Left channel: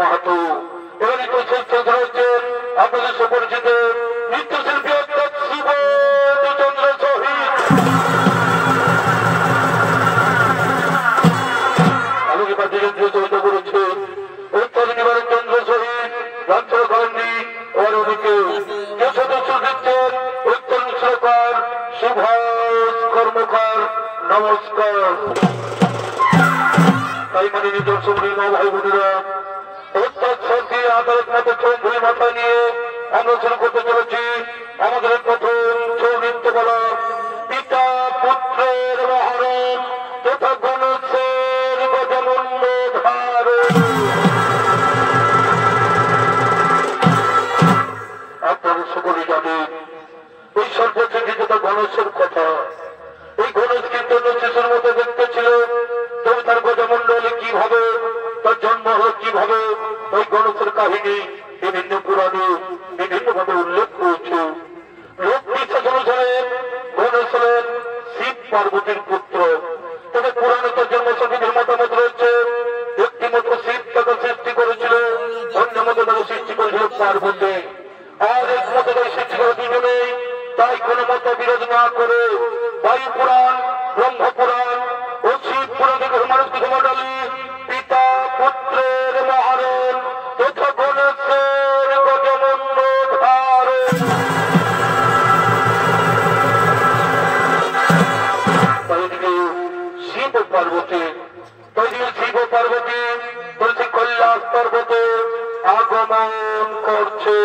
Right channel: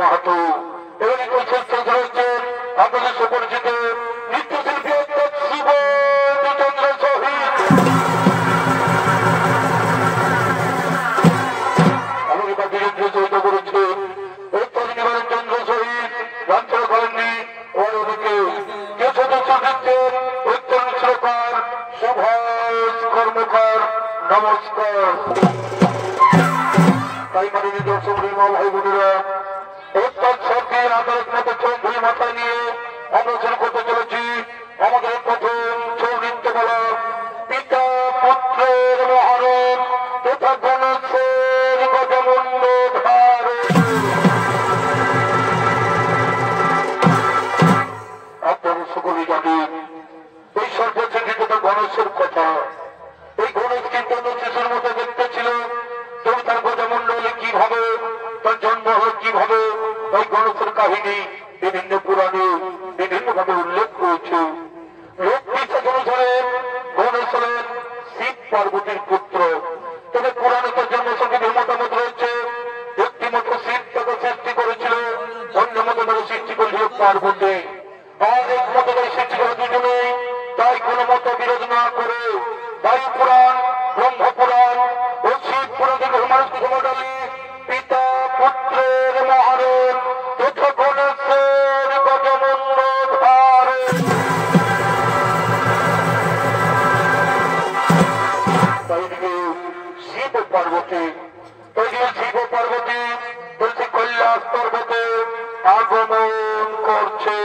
মাহাতো এবং নৃত্যশিল্পী রয়েছেন আপনাদের সুপরিচিত নৃত্যশিল্পী অর্থাৎ শিব চন্দ্র শহীদ আমাকে বাজিয়ে সহিত করেছে উত্তর নিবারণ চন্দ্র শহীদ রামচর কলেননি ওর ওদিকে যে সদস্য দিচ্ছেন উত্তর সরকার সুভাষ কর্মকার নমস্কার। তাই মাননীয় দর্শক মা ভাই বোনেরা অর্থাৎ সরকার আদালত মতো চৌধুরী মাথায় নিয়ে আমরা শুরু করতে চলেছি আমাদের প্রথম ছৌ নৃত্য বলা পিতা পুত্রের মহারণ তথা গণেশের গজমুণ্ড ধারণ। আপনারা সকলেই জানেন ওই সর্বশিক্ষিত গণেশের কথা। ওই গণেশ কিন্তু শিশুর মতো দেখতে ছিল, তবে তার গজমুণ্ড হলে কিভাবে, তার জন্ম হলো কিভাবে, ওই গণেশের কাহিনী বিভিন্ন পুরাণে বিভিন্ন ভাবে উল্লেখ হয়েছে। লোক বিশ্বাস অনুসারে গণেশ হলেন শিব পার্বতীর পুত্র, তবে পুরাণে তার জন্ম সম্বন্ধে মতামত রয়েছে। একটি মতো শিব তাকে সৃষ্টি করেছিল, অন্য মতো তাকে সৃষ্টি করেছিল পার্বতী, আর এক মতো তাকে সৃষ্টি করে দুজনেই। তাই কোন মত বিরোধ না করে বায়ু পুরাণ, ব্রহ্ম পুরাণ ও শিব পুরাণ থেকে মানুষকে সমাডালি পিতা পুত্রের মহারণ তথা গণেশের গজমুণ্ড ধারণ। শিব পার্বতী শিব পার্বতী বলছে কৈলাস পর্বতে আগমন করছে।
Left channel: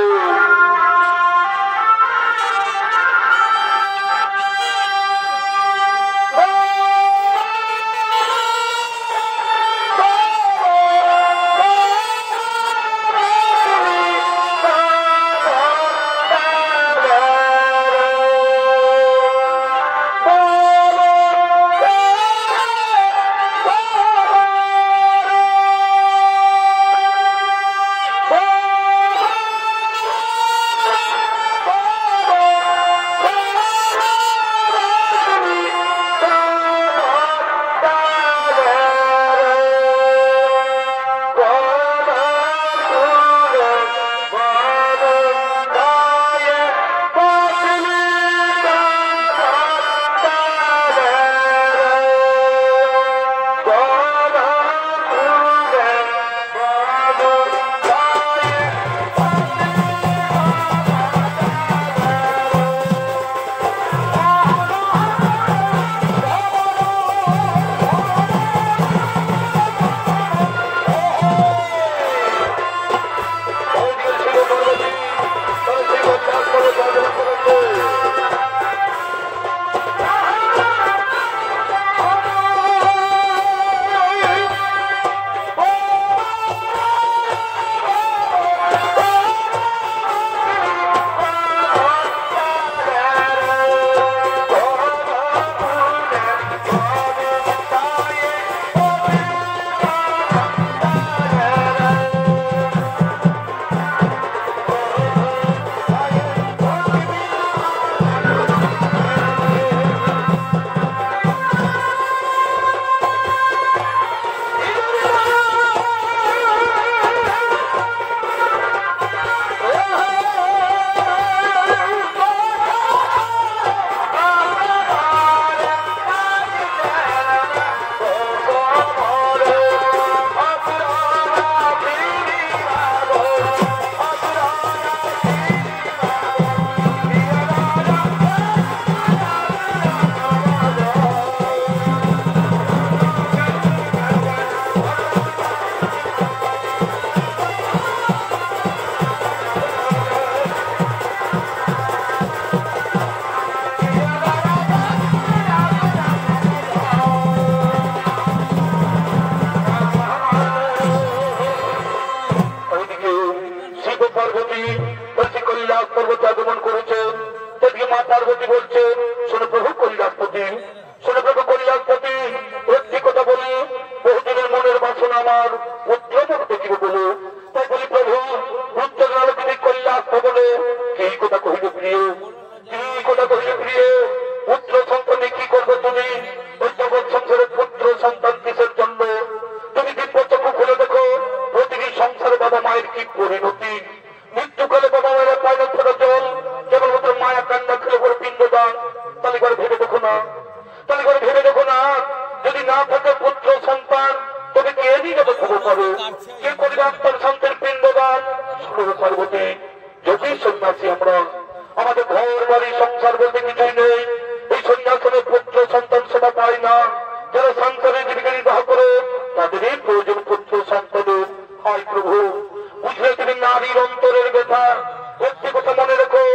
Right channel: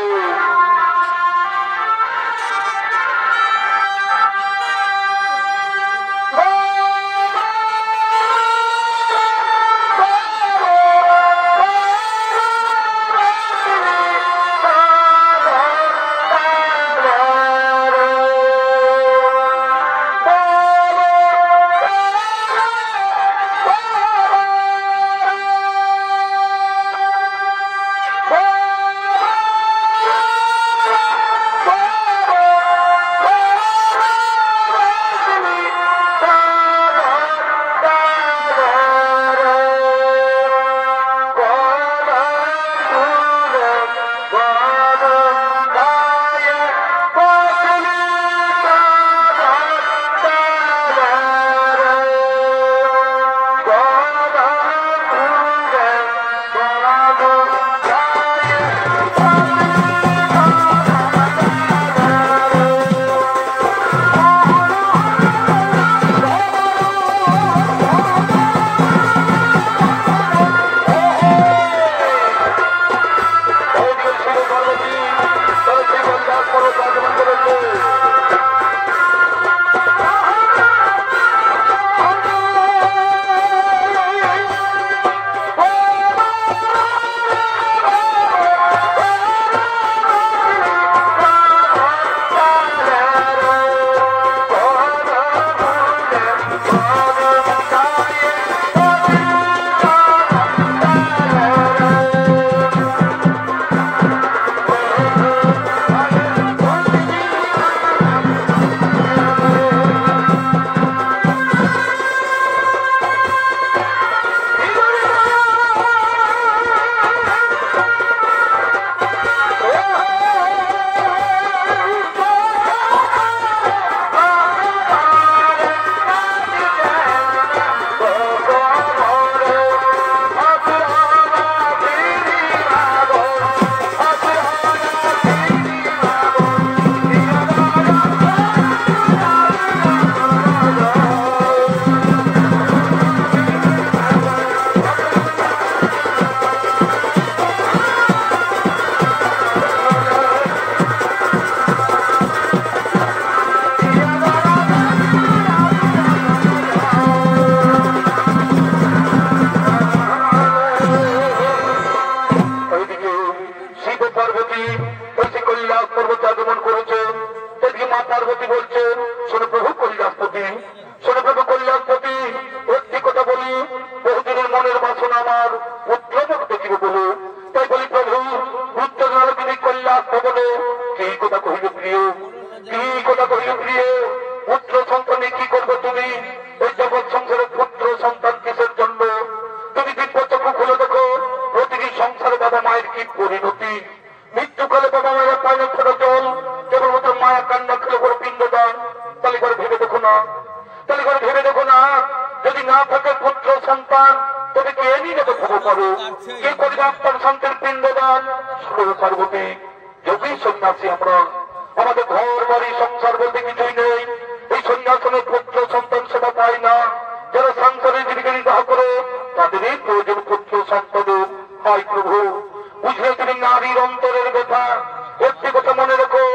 পুত্র সন্তান কি করবে তুমি? ওই জগৎ সংসারের পুত্র সন্তান কিসের জন্য? তুমি দিব্য চক্ষু খুলে দেখো, প্রতিটি সংসারে কান্না করে করে পিণ্ড দান, তাহলে করে ভেবে দেখো না, তাহলে করে ভেবে দেখো না, যদি না থাকে পুত্র সন্তান তবে কে নিয়ে দেখবো পারো, কে করবে আপনার সন্তান পিণ্ড দান? শুনে পার্বতী, যদি সন্ন্যাসী আমরা, আমাদের ঘর বাড়ি সংসার বলতে কিছুই নেই, এই সন্ন্যাসনের পুত্র সন্তান সেটা পায় না। যারা সংসারে জীবিকা নির্বাহ করে তাদেরই প্রয়োজন পুত্র সন্তানের। হায় প্রভু, বুঝলে তুমি নারীর অন্তরের ব্যথা। একটি কথা মনে রেখো,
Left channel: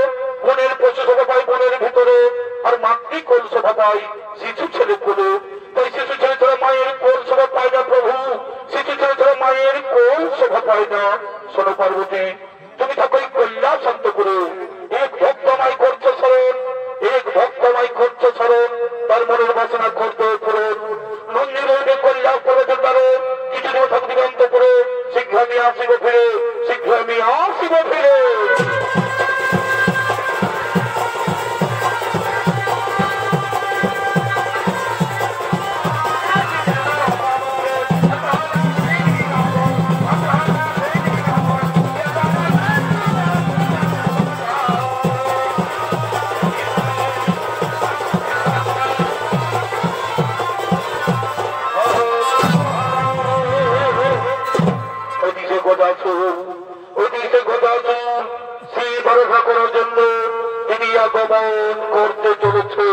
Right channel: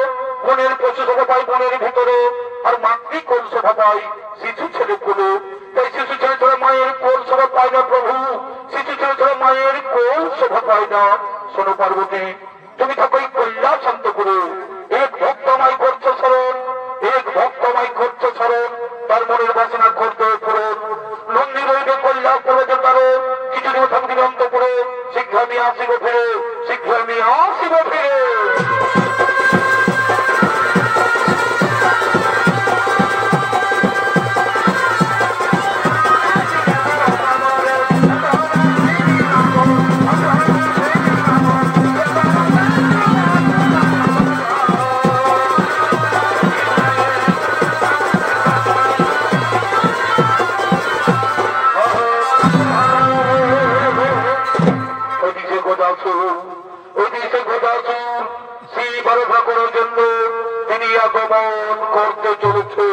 বনের পশু সভা পাই বনের ভিতরে, আর মাতৃ কোল সভা পাই শিশু ছেলে কোলে। তাই শিশু ছেলে ছাড়া মায়ের কোল শোভা পায় না প্রভু, শিশু ছেলে ছাড়া মায়ের কোল শোভা পায় না। শোনো পার্বতী, তুমি থাকো এই কল্যাণ শান্ত করে, এক ভক্ত আমায় করছো স্মরণ, এক ভক্ত আমায় করছো স্মরণ, তার মনের বাসনা করতে পূরণ। নন্দী রইবে কল্যাণ প্রয়োজন তারও, কিছুদিন থাকবে অন্ত করে, শীঘ্র আমি আসিব ফিরে, শীঘ্র আমি আসিব ফিরে। করতে চলেছে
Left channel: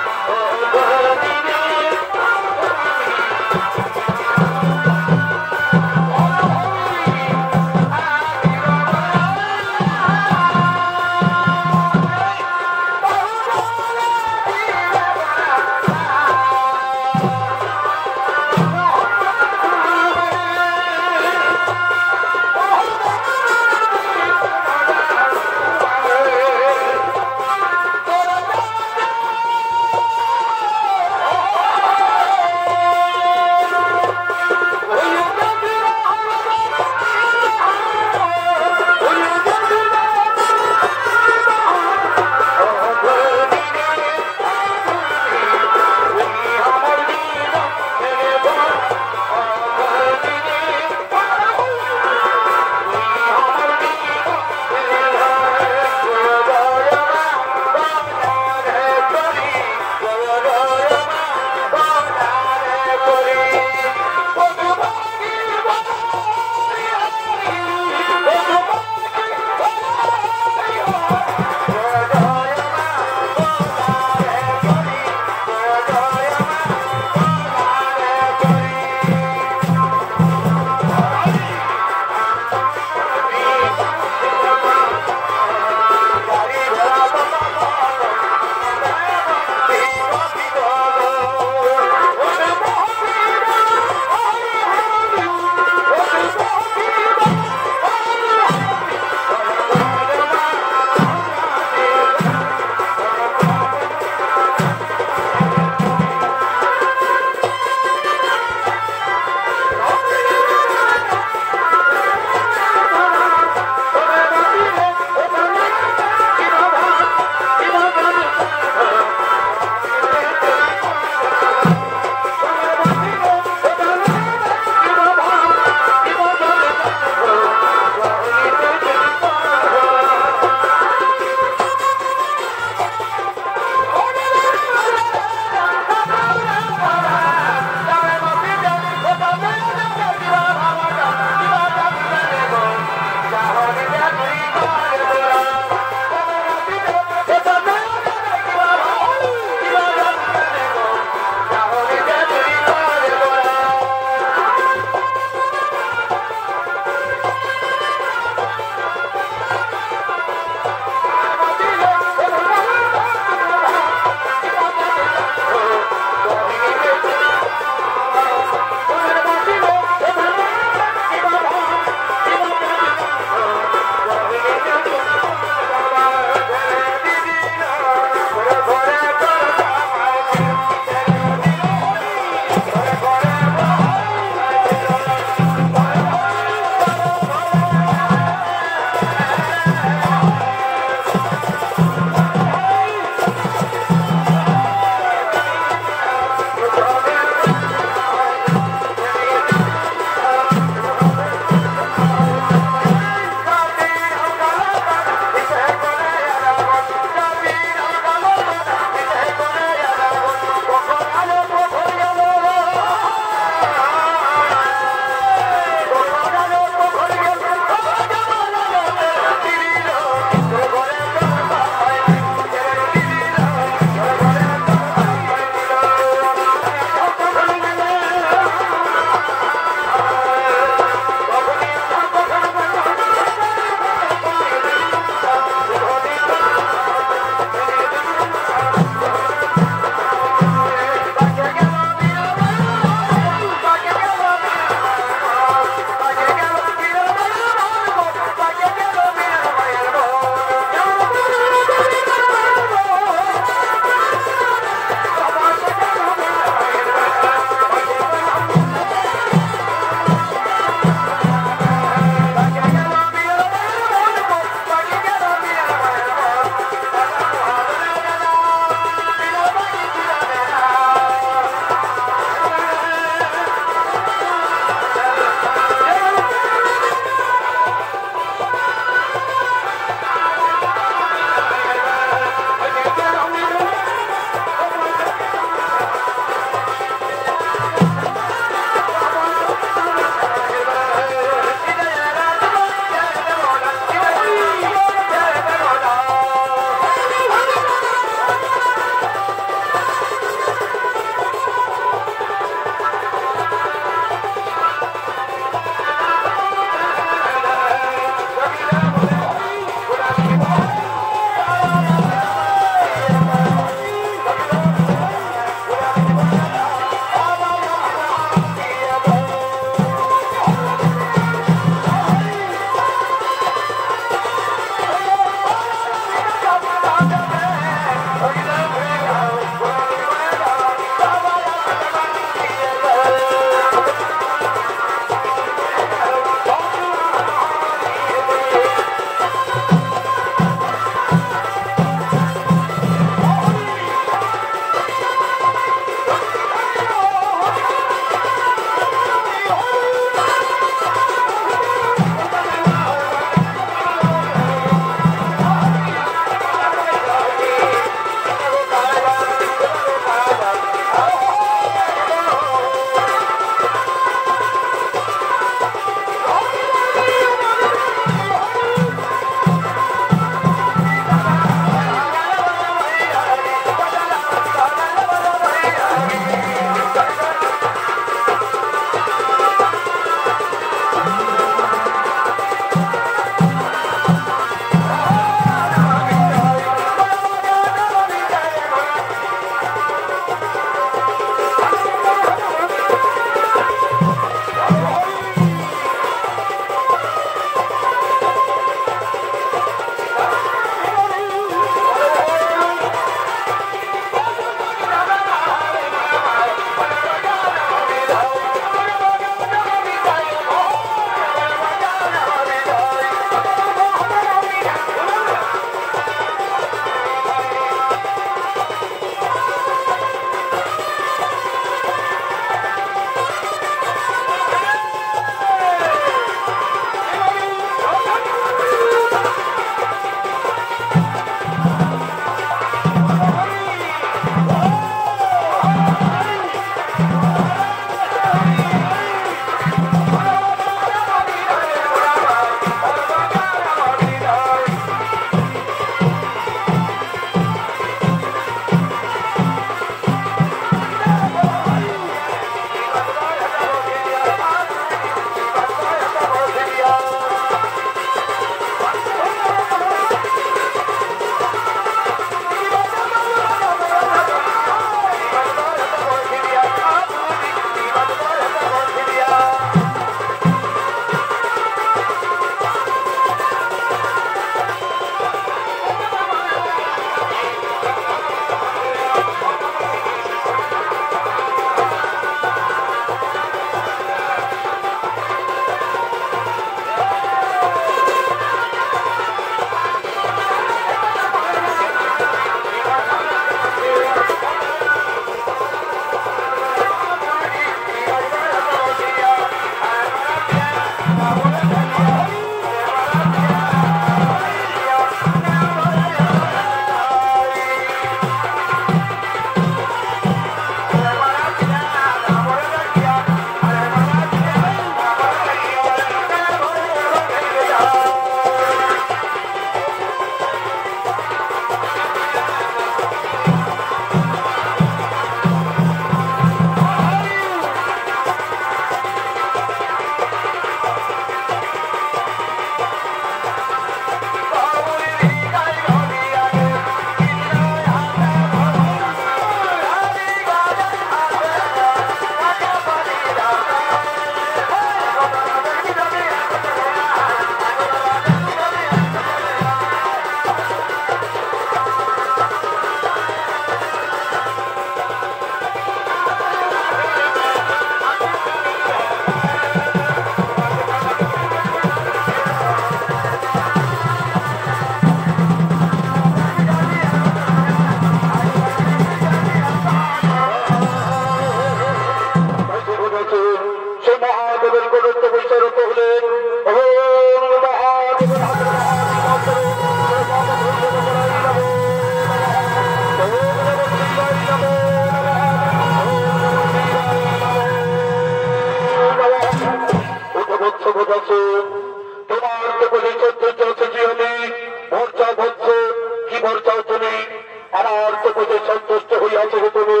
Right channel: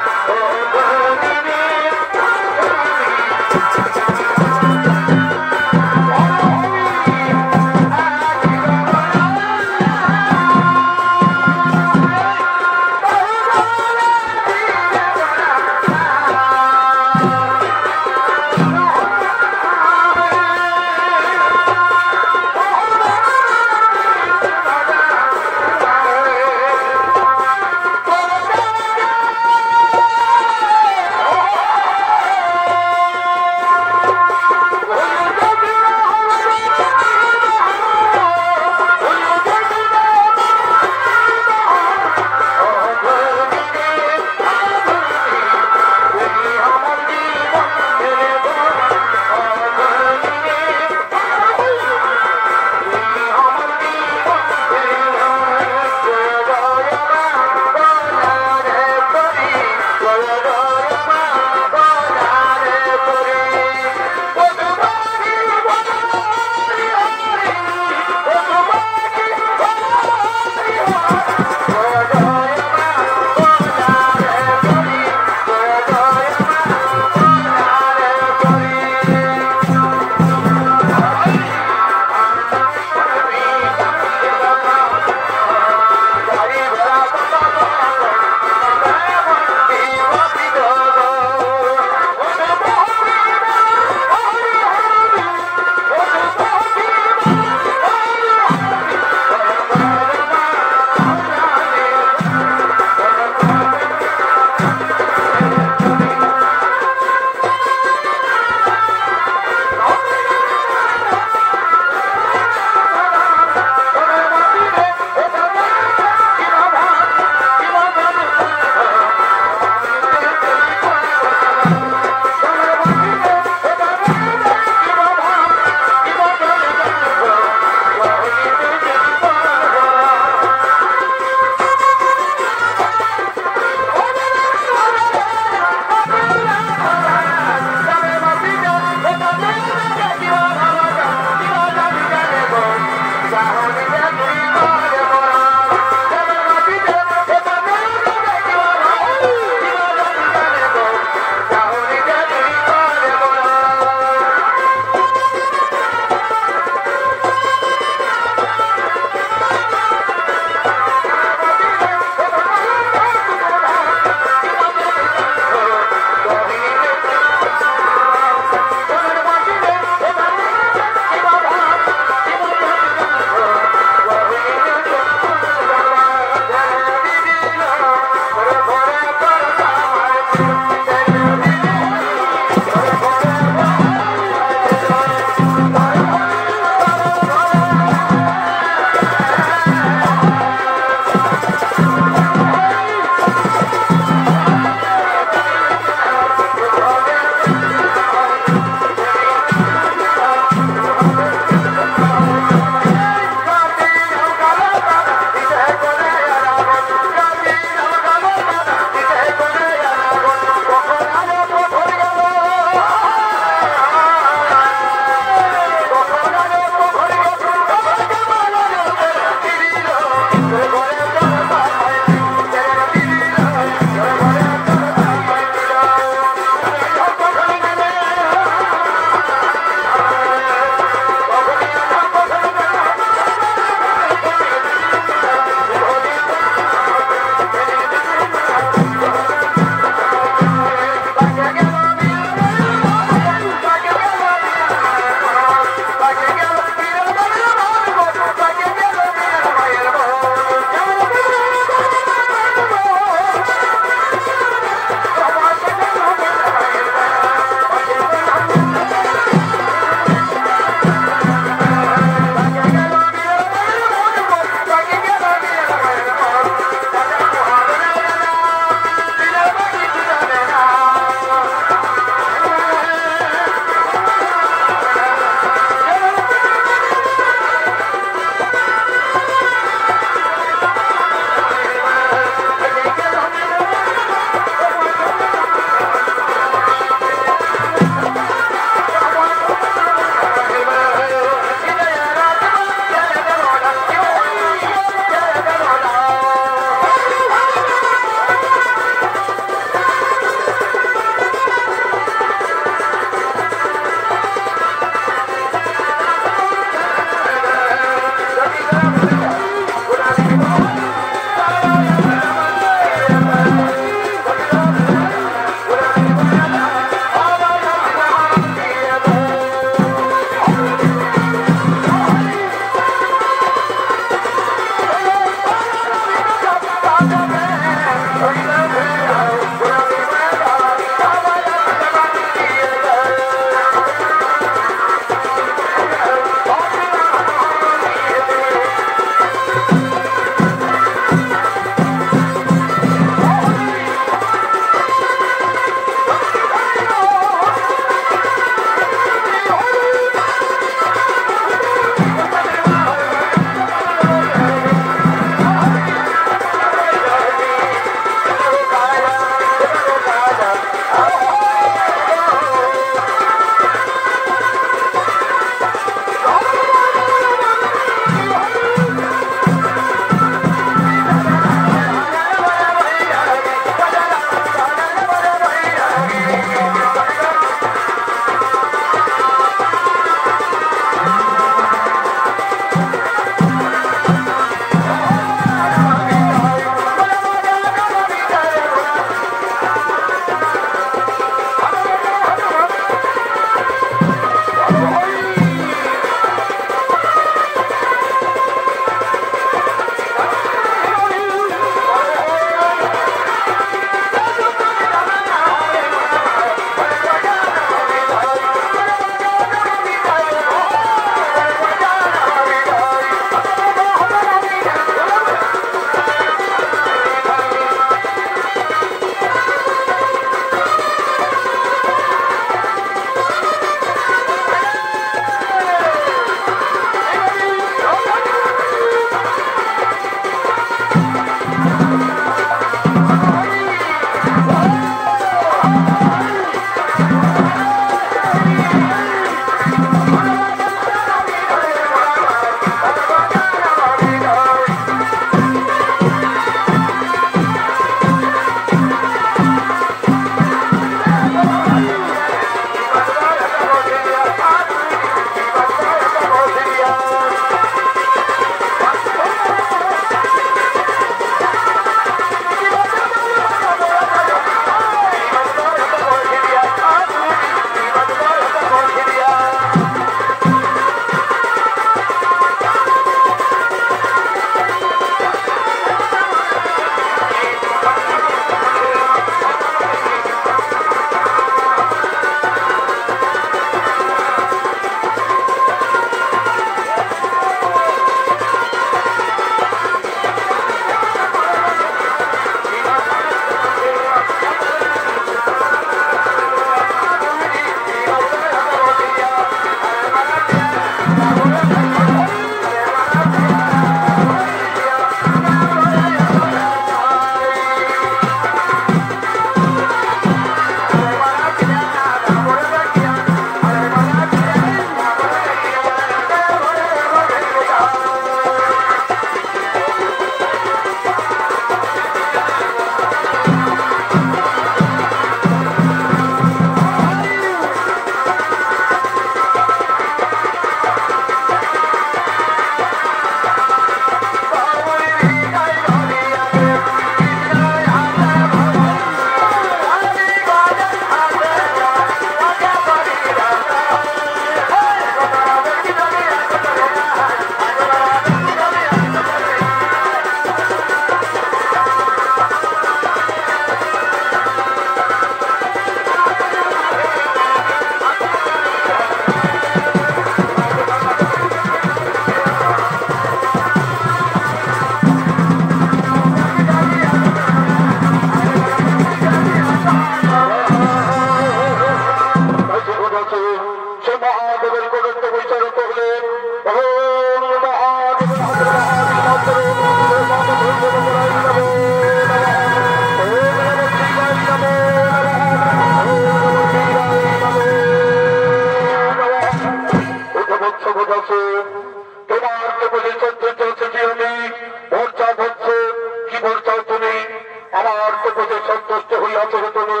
আমার তো প্রতি সন্তুষ্ট হইয়াছে তুমি।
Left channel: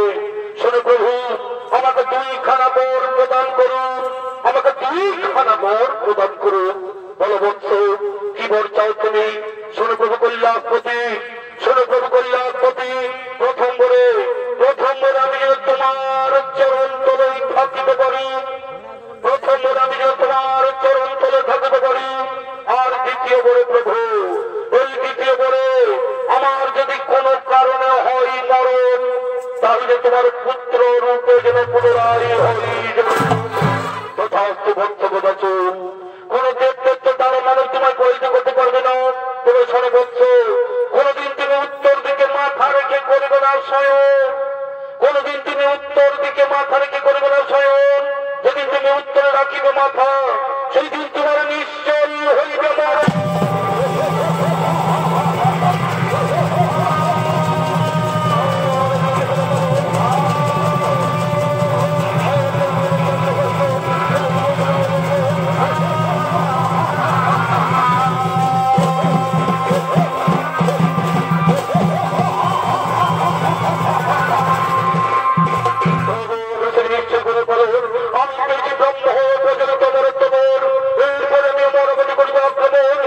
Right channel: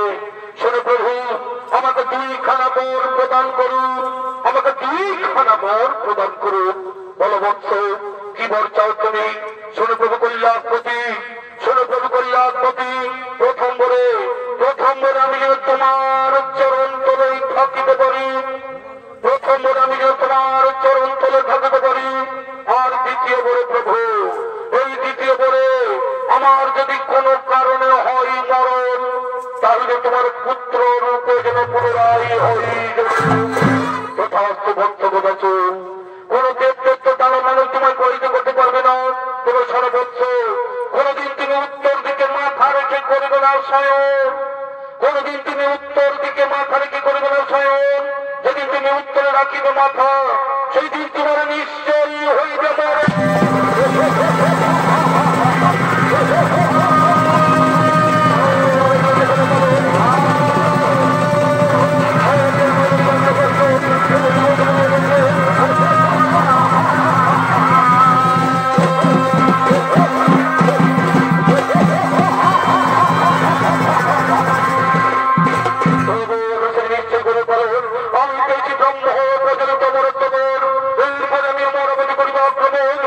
শোনো প্রভু, আমাকে 2খানা বর প্রদান করুন, আমাকে 2খানা বর প্রদান করুন। বলবৎস, কি বর চাও তুমি? শোনো প্রভু কল্যাণপতি, শোনো প্রভু কল্যাণপতি। প্রথম বরে আমি যেন তোমার চরণ তলে থাকিতে পারি, প্রথম বরে আমি যেন তোমার চরণ তলে থাকিতে পারি। আর দ্বিতীয় বরে প্রভু, ওই দ্বিতীয় বরে আমার যদি কোনো কারণে হয় মরণ, তাহলে তোমার পুত্র রূপে যেন পুনরায় হই তথার্থ ভক্ত বোঝাচ্ছ। কোন দেবদত্ত দ্বারা মানুষ তোমায় পরিচিত করতে পারবে না। তবে সর্বোচ্চ কোনদিন তুমি উত্তর দিকে মাথা রেখে করবে না স্বয়ং, কোনদিন তুমি উত্তর দিকে মাথা রেখে করবে না স্বয়ং। যেদিন তুমি উত্তরে রাখিবে মাথা, সেই দিন তোমার নিশ্চয়ই হইবে মরে। আমি পেয়েছি ব্রহ্ম প্রজনিত মরত্বর, এরপরে আমি মরবতি করিব আক্রমণ।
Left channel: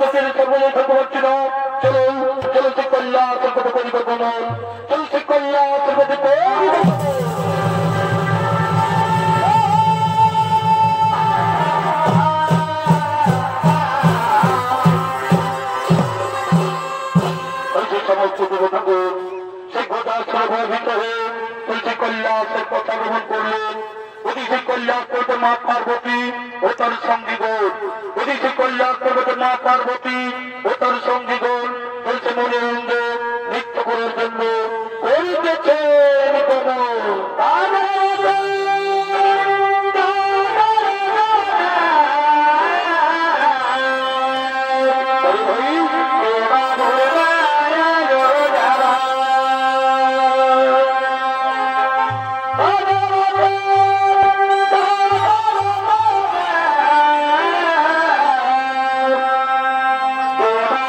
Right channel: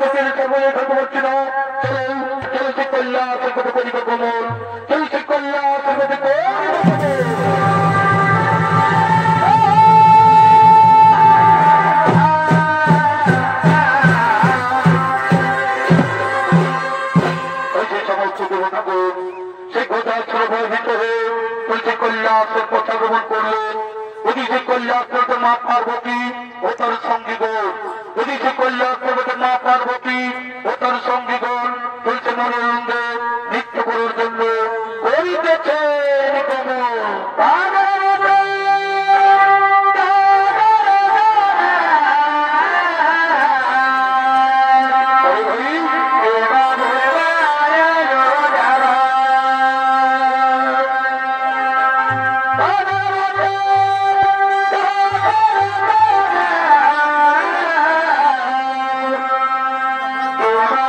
থেকে সময় থাকতে পারছি না। চলো চলছে কল্যাণ সর্বত পরিবর্তন, চলছে কল্যাণ সর্বত পরিবর্তন। সমস্ত দেবতাগণ সেই গোটার সভার ভিতরে বলছে কৈলাসের পথ আগমন করলেন। ওদিকে কৈলাস পর্বতে মা পার্বতী ও তার সঙ্গীগণ, ওদিকে কৈলাস পর্বতে মা পার্বতী ও তার সঙ্গীগণ চলছে মনোরঞ্জ নৃত্য করার জন্য করিতেছেন কমল।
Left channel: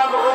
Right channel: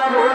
Oh,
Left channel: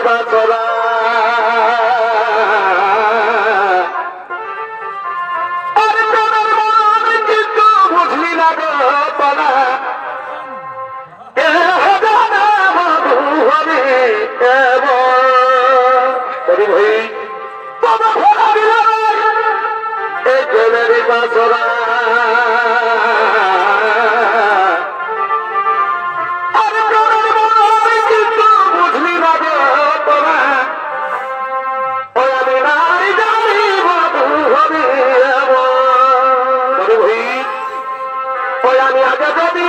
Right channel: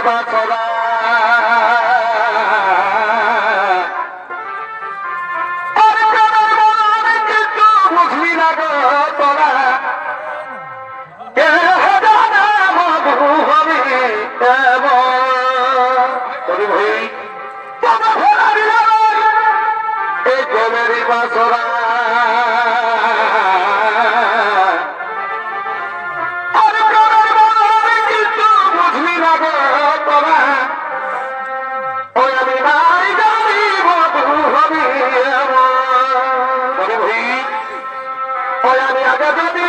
বাসরা বাসরা কিন্তু বুঝলি না তোরা ও আমি নাই জানি বাবু হবি ওই আমি আগে যদি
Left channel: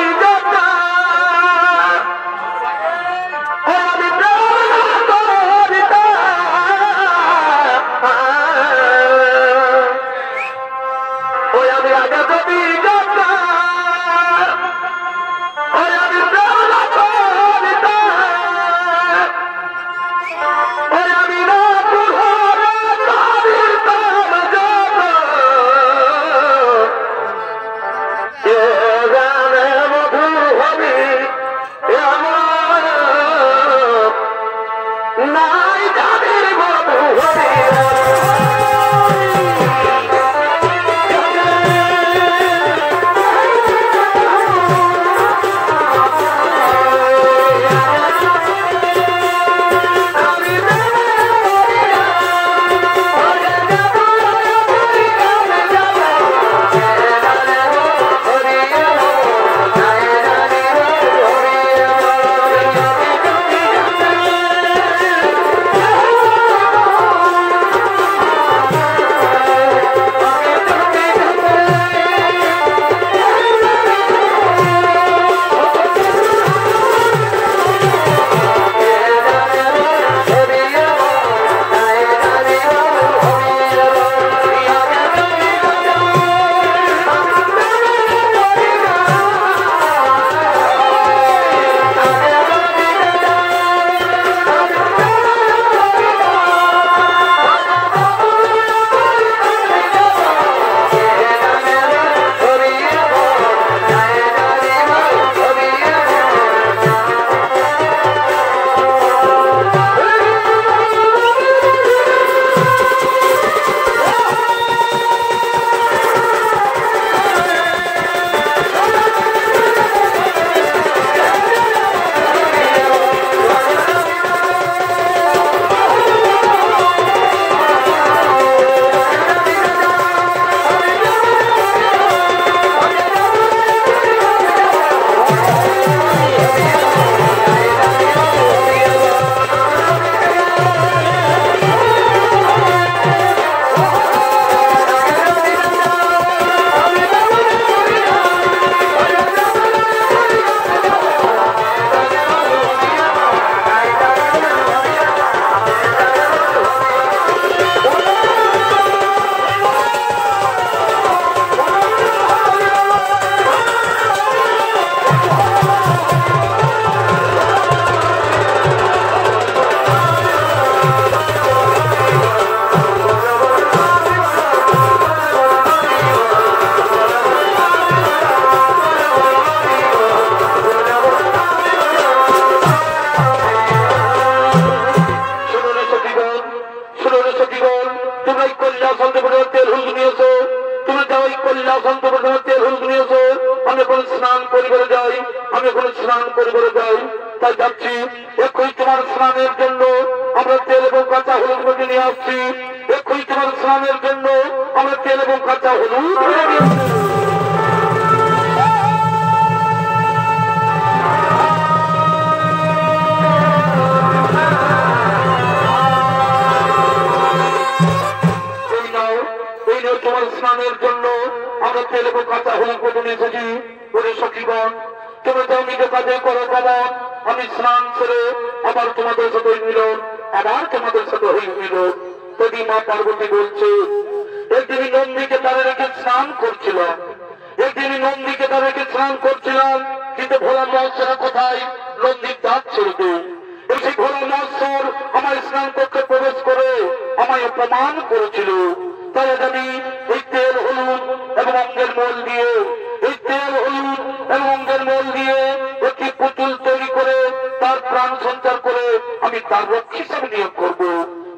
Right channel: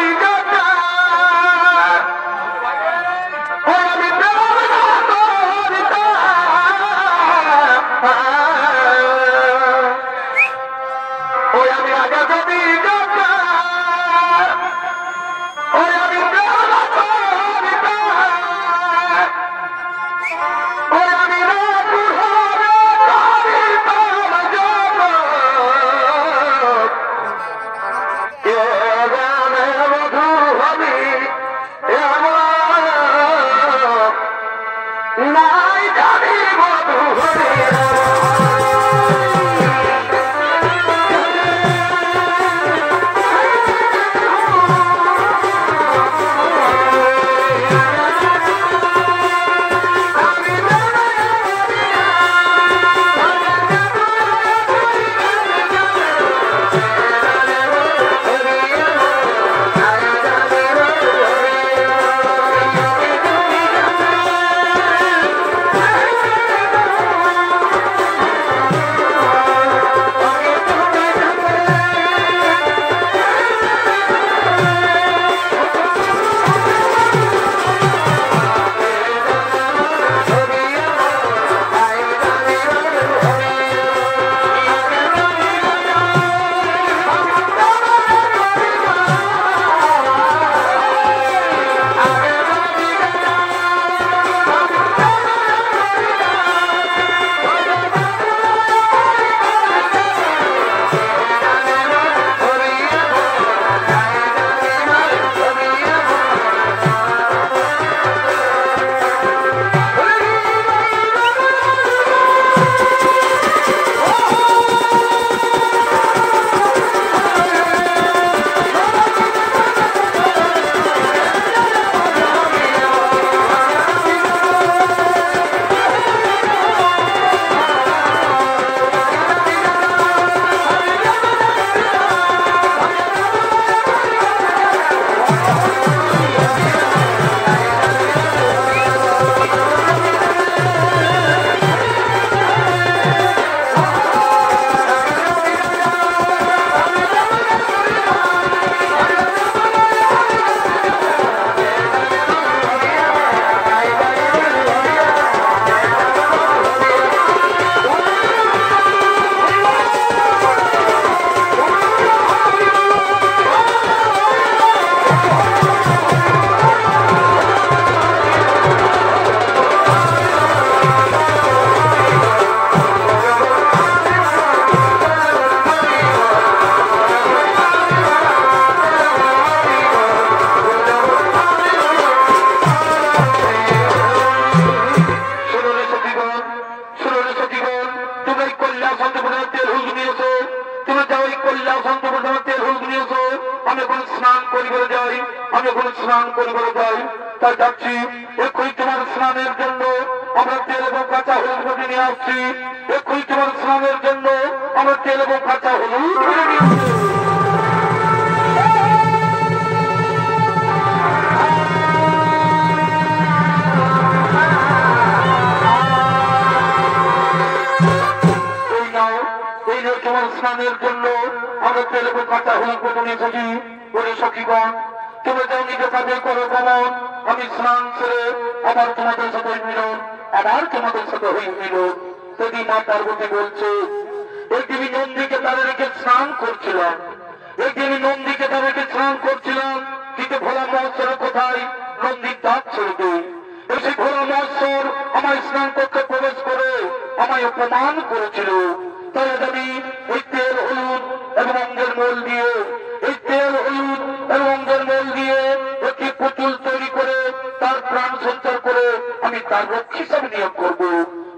সঞ্চার করে আমি তার রক্ষী হিসাবে নিয়োগ করবো।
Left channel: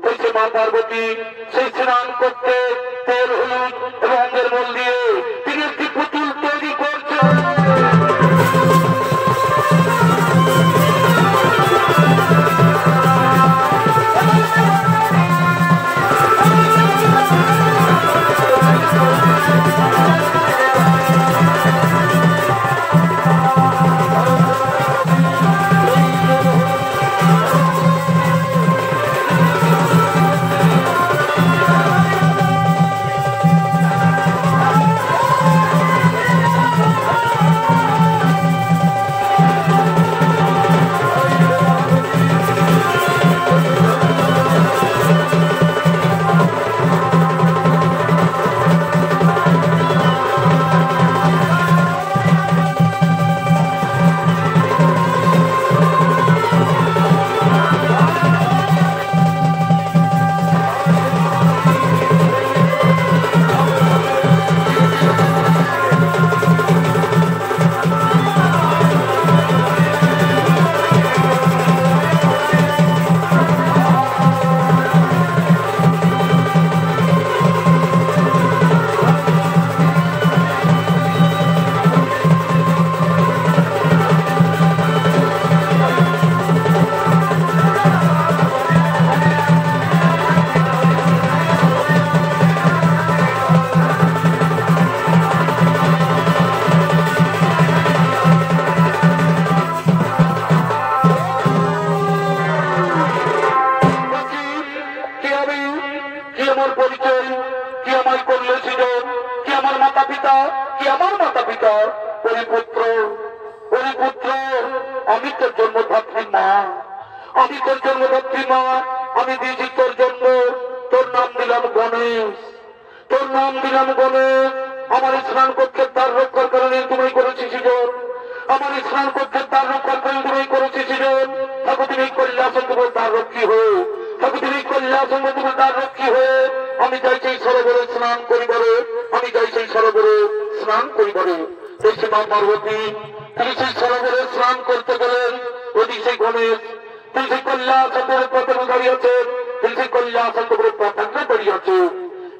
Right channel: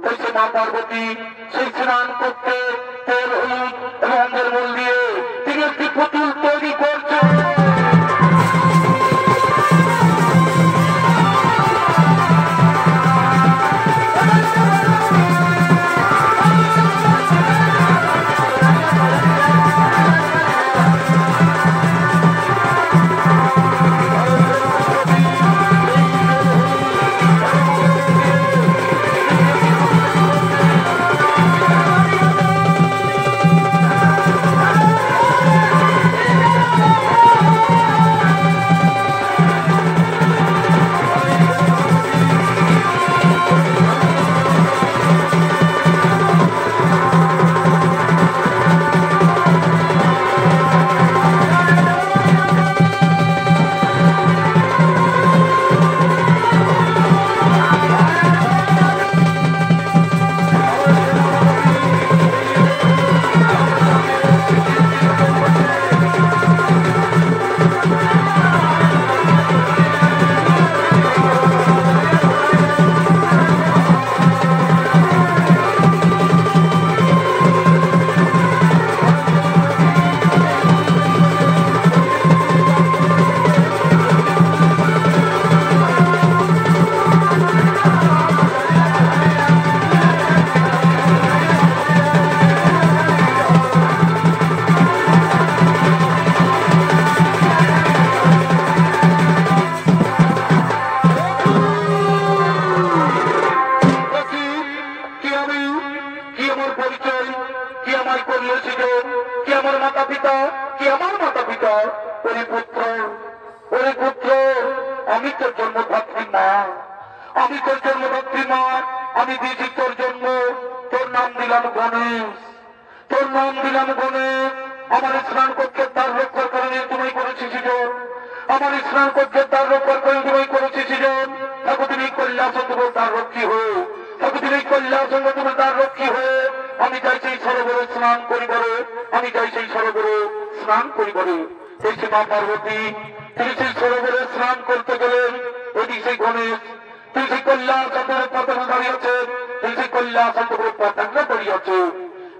বলছে মা পার্বতী সেই স্নান করতে তেল হলুদ এবং অঙ্গের মল দিয়ে তিনি একটি পুতুল তৈরি করছে। আমি তোর জন্মদাত্রী মা, আমি তোর জন্মদাত্রী মা, আমি দিয়েছি তোর জন্ম, তোর নাম দিলাম গণেশ, তোর নাম দিলাম গণেশ। আমার স্নান কক্ষের দ্বার রক্ষার কারণে তুমি করেছিস সৃজন, আমার স্নান কক্ষের দ্বার রক্ষার কারণে তুমি করেছিস সৃজন। থাকো তুমি কল্যাণচন্দ্র দ্বার রক্ষী হয়ে, থাকো তুমি কল্যাণচন্দ্র দ্বার রক্ষী হয়ে আমি যাই সেই সরোবরে স্নান করিবারে, আমি যাই সেই সরোবরে স্নান করিবারে। সেই মা পার্বতী তিনি সেই সরোবরে স্নান করতে গেলেন। ওদিক সেই গণেশ তিনি সেই কল্যাণচন্দ্রের পতাকা দাঁড়িয়ে আছেন, তিনি সেই কল্যাণচন্দ্রের পতাকা দাঁড়িয়ে আছে।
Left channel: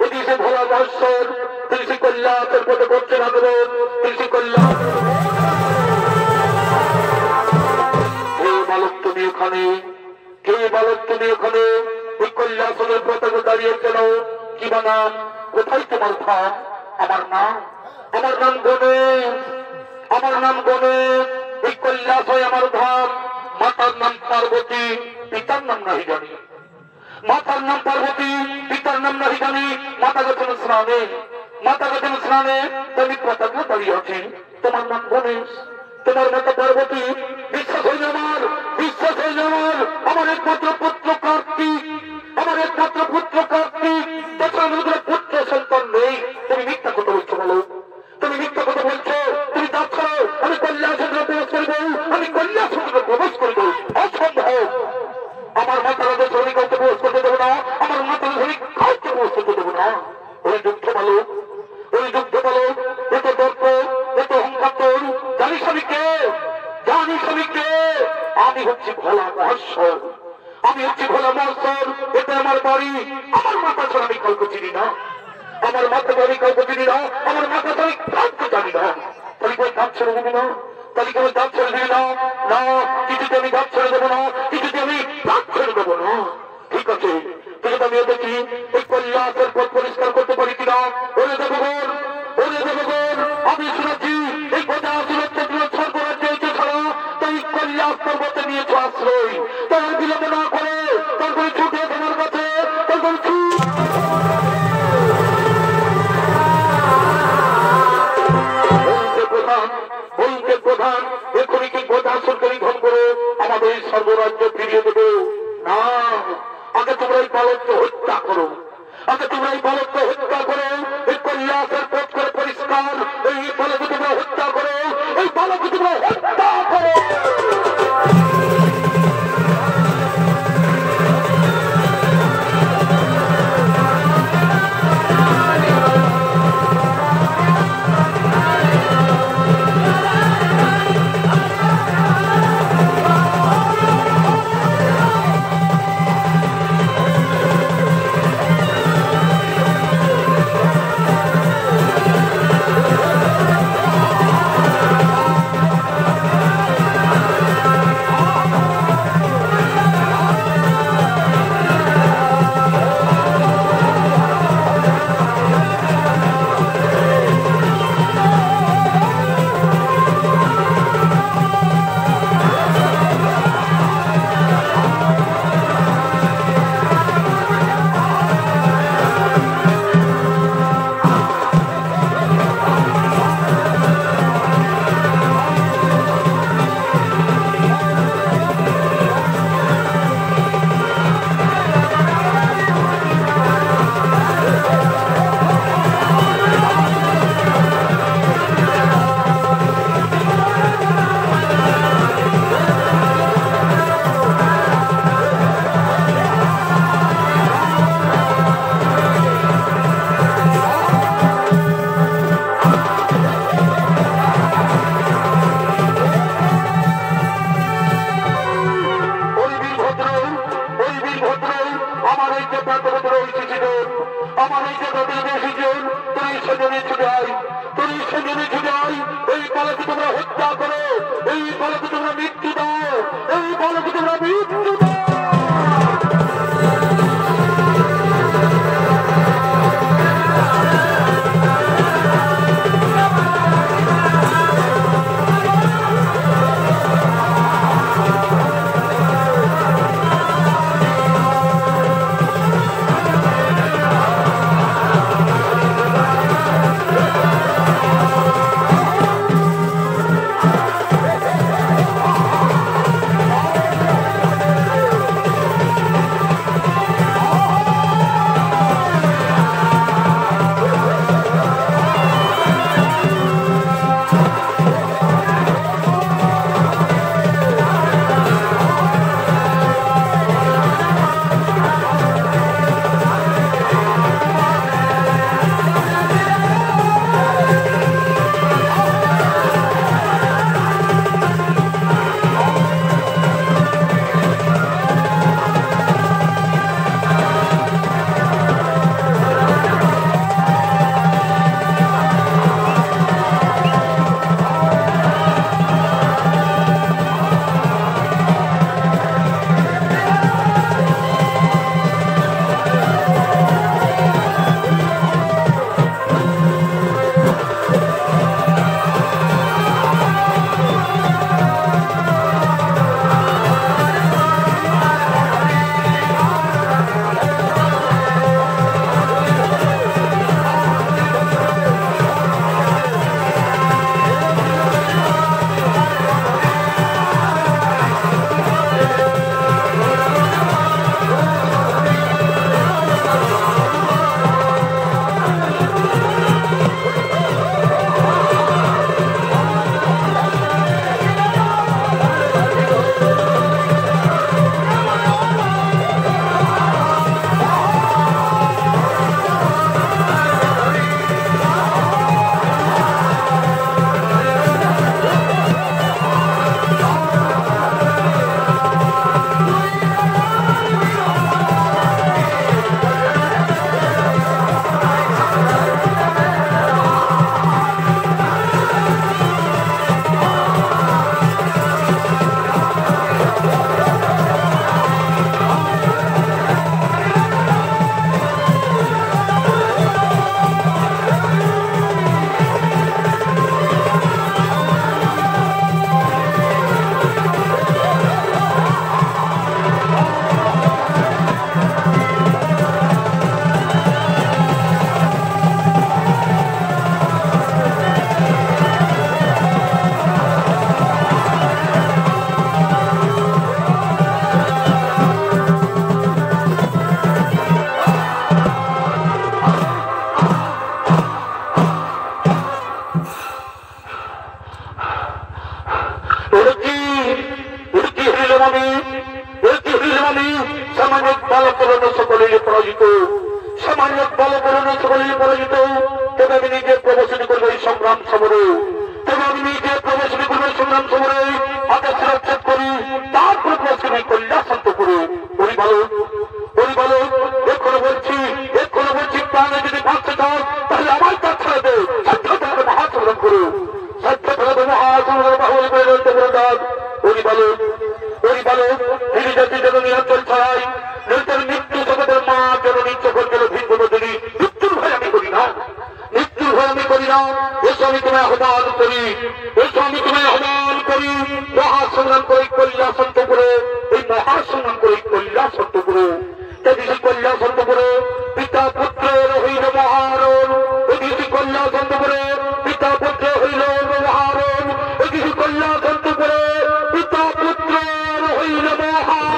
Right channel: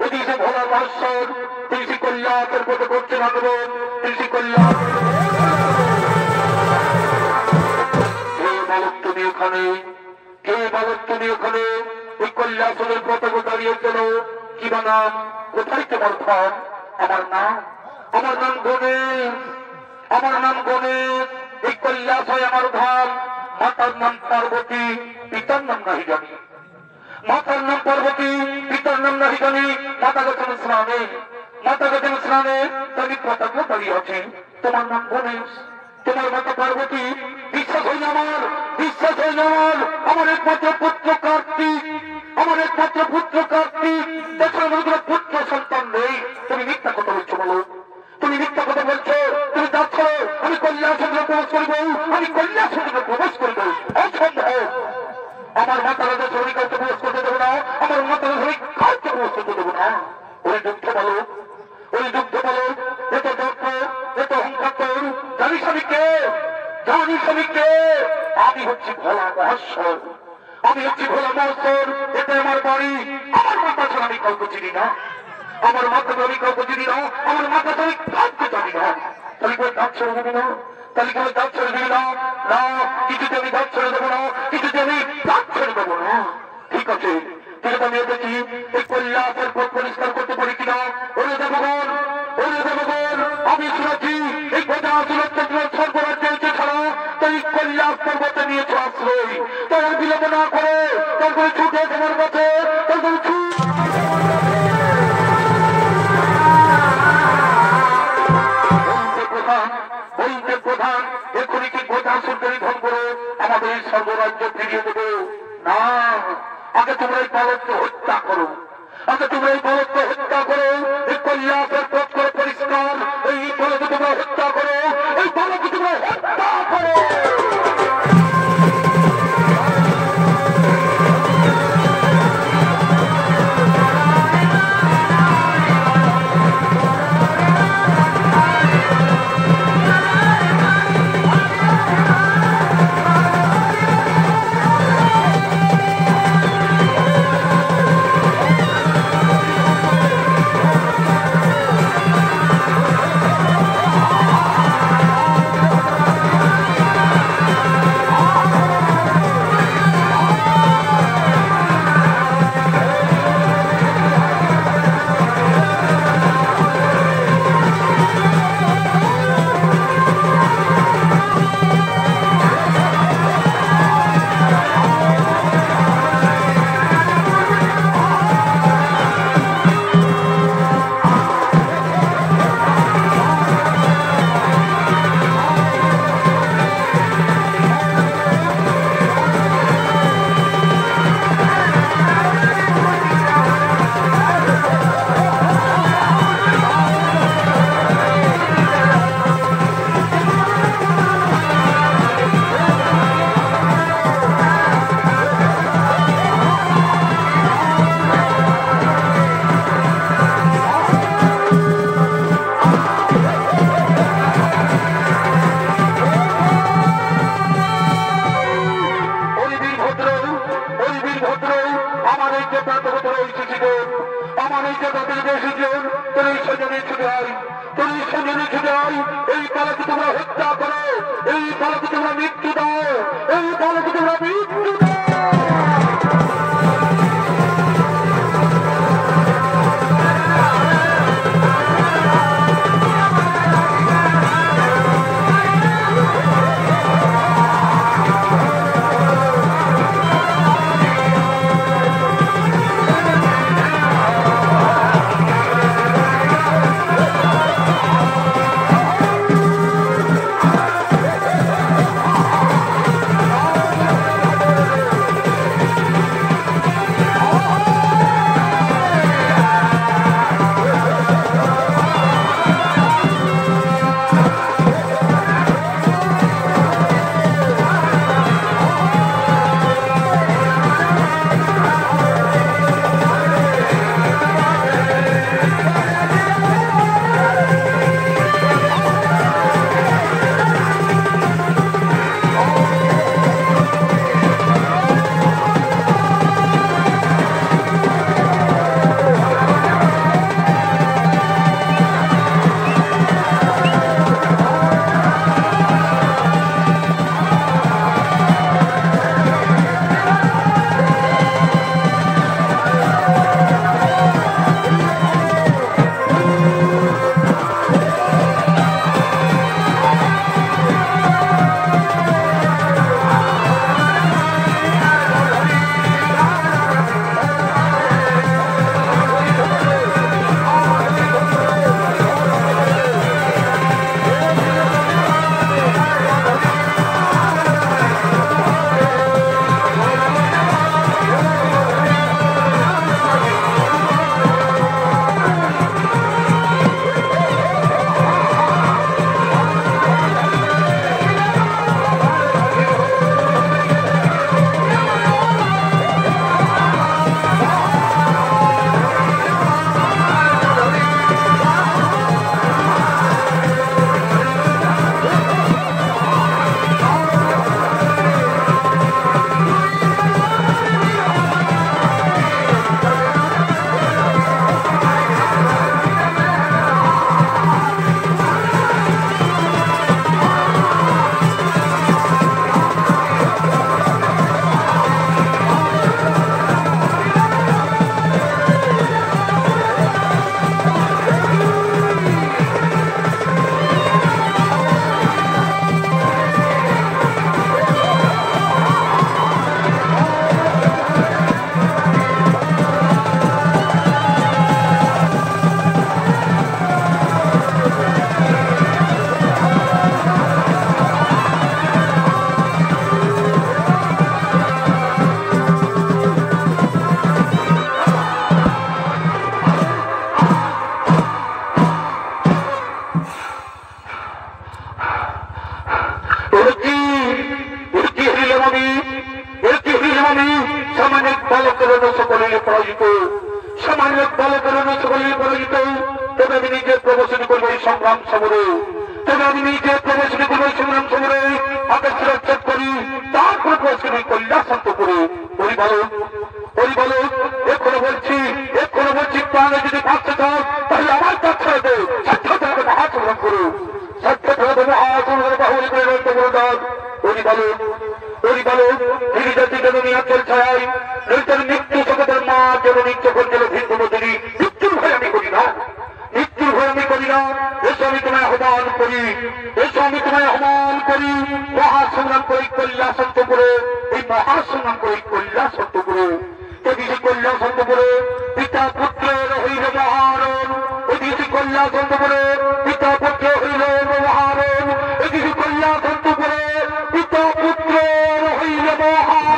এদিকে সে ভোলা মহেশ্বর তিনি সেই কল্যাণের পথে করতে লাগবেন, তিনি সেই কল্যাণ। কে বালক তুমি এখানে, কে বালক তুমি এখানে, ওই কল্যাণের পতাকা দাঁড়িয়ে কেন? কি বা নাম? কোথায় তোমার ধাম? আমার নাম, আমার নাম গণেশ, আমার নাম গণেশ। ওই কৈলাস হয় আমার ধাম। মাতার নাম পার্বতী, পিতার নাম নাহি জানি, মাতার নাম পার্বতী, পিতার নাম নাহি জানি। মাতা গেছেন স্নানে, মাতা গেছেন স্নানে, তুমি পতাকা দাঁড়িয়ে আছি। তোমার নাম গণেশ, তোমার মাতা পার্বতী। বিশ্বাস হয়ে আমার, বিশ্বাস হয়ে আমার, আমার একমাত্র পুত্র কার্তিক, আমার একমাত্র পুত্র কার্তিক। তাছাড়া পুত্র সন্তান নেই। তুমি মিথ্যা কথা বলছো বলো, তুমি মিথ্যা কথা বলছো। তুমি যাচ্ছ আমি কল্যাণচন্দ্র প্রবেশ করবো, আমি কল্যাণচন্দ্র প্রবেশ করবো, অসম্ভব। আমার মাতারা শরীর কাউকে প্রবেশ করতে দেবো না, আমার মাতারা শরীর কাউকে প্রবেশ করতে দেবো না। ওই যুদ্ধ বলো, ওই যুদ্ধ বলো। এত দর্প, এত অহংকার, জানিস আমি কে? জানিস আমি কে? আমি হচ্ছি ভোলা মহেশ্বর, আমি হচ্ছি ভোলা মহেশ্বর। এটা আমার বাড়ি, আমার মাতা ছাড়া আমি কাউকে চিনি না, আমার মাথা আমি কাউকে চিনি না, আমার মাথা ছাড়া কাউকে জানি না। তাহলে কই দাঁত ছেড়ে দেবো না, তাহলে কোনো দাঁত ছেড়ে দিবি না? না, কিছুতে আমি দাঁত ছেড়ে দেবো না, কিছুতে আমি দাঁত ছেড়ে দেবো না। ঠিক আছে, তুই আমি দেখি এই কল্যাণের পথ পরিষ্কার করতে পারি কিনা। ওরে দেবগণ, ওরে দেবগণ, আমি শুনেছি এই গোটা সুরক্ষা স্বর্গরাজ্য হয়েছে ছাড়া তুমি কল্যাণ পর্বতে নিয়েছ আশ্রয়। তাই আর বিলম্ব না করে তারপরে ছুটে তোমার কাছে, তারপরে প্রধান এক্ষুনি কি গোটা সরকারি ধন করে আমাদের সর্বরাজ্য ফিরিয়ে দেবে? না, আগে তোমরা এই বালককে হত্যা করো, আগে তোমরা এই বালককে হত্যা করো। এই কল্যাণের পথ করে পরিষ্কার, এই বালককে তোমরা হত্যা করো, এই বালককে তোমরা হত্যা করো। আমার ওই জায়গা থেকে বসেছেন, তুমি সেজনে ছুটাই, তুমি সেজনে ছুটাই। এই বালকে তোমরা হত্যা করো, এই বালকে তোমরা মৃত্যু দাও, এই বালকে তোমরা মৃত্যু দাও। সামান্যিক বালকরণ সকলেই পরাজিত, সামান্যিক বালকরণ সকলেই পরাজিত। তবে আমি নিজে প্রবর্তন করবো এই সংগ্রাম সমরে, তবে আমি নিজে প্রবর্তন করবো এই সংগ্রাম সমরে। আকাশ রক্ষক করি, তারপর প্রশ্ন কল্যাণ শান্ত করে পরিবালক পরিবালক এক্ষণে বলছি প্রাণে যদি বাঁচতে চাও তাহলে আমার কাজ ছেড়ে দে, সাধ্য তোমাকে মহাসংগ্রাম করো, সাধ্য তোমাকে মহাসংগ্রাম বাহুল করে রয়েছে বলদান। পরিবালক পরিবালক তিনি জাতি জননী অঞ্চল ছড়াই নৈতর মৃত্যু জগতের মা জননী চোখর জল ভিন্ন যদি মৃত্যুর ভয় আমি করি না, মৃত্যুর ভয় আমি করি না। এসো আমি তোমায় আহ্বান করি, এসো আমি তোমায় আহ্বান করি, মহাসংগ্রাম করে কল্যাণ শান্ত করে, এই মহাসংগ্রাম করে কল্যাণ শান্ত করে, এদিকে কল্যাণ শান্ত করে পিতা পুত্রের হইল মহারণ, এদিকে কল্যাণ শান্ত করে পিতা পুত্র হইল মহারণ, এদিকে কল্যাণ শান্ত করে পিতা পুত্রের হইল মহারণ।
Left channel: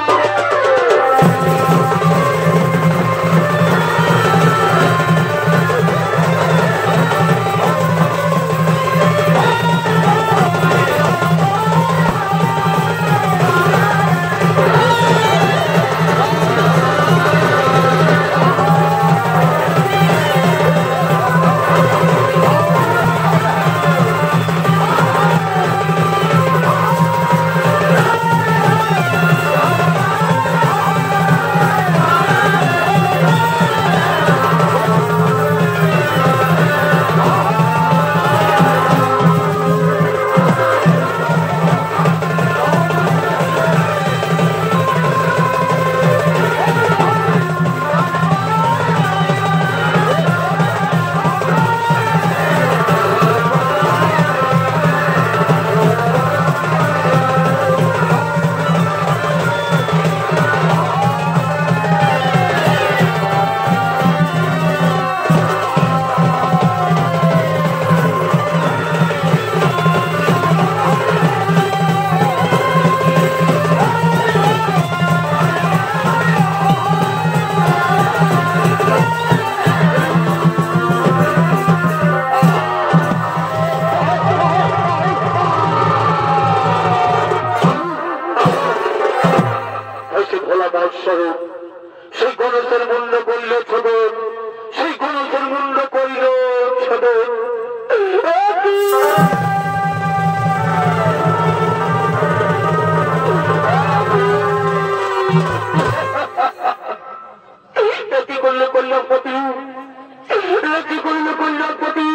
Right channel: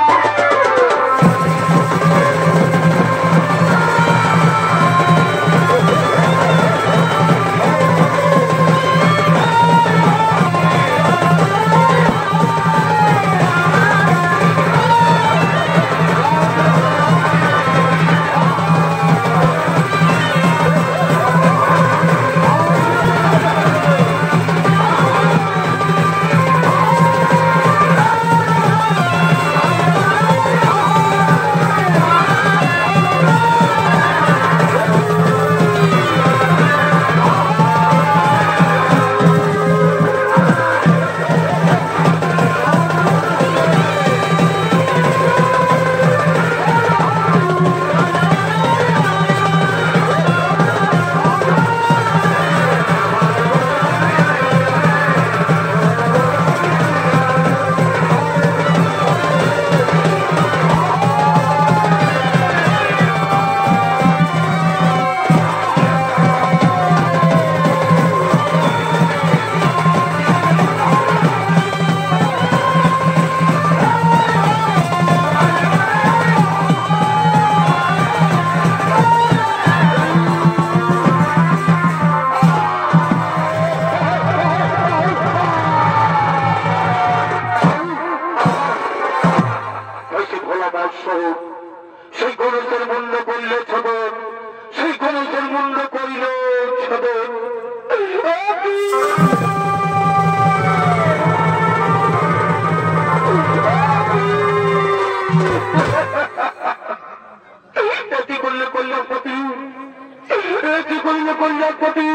কইলার প্রতি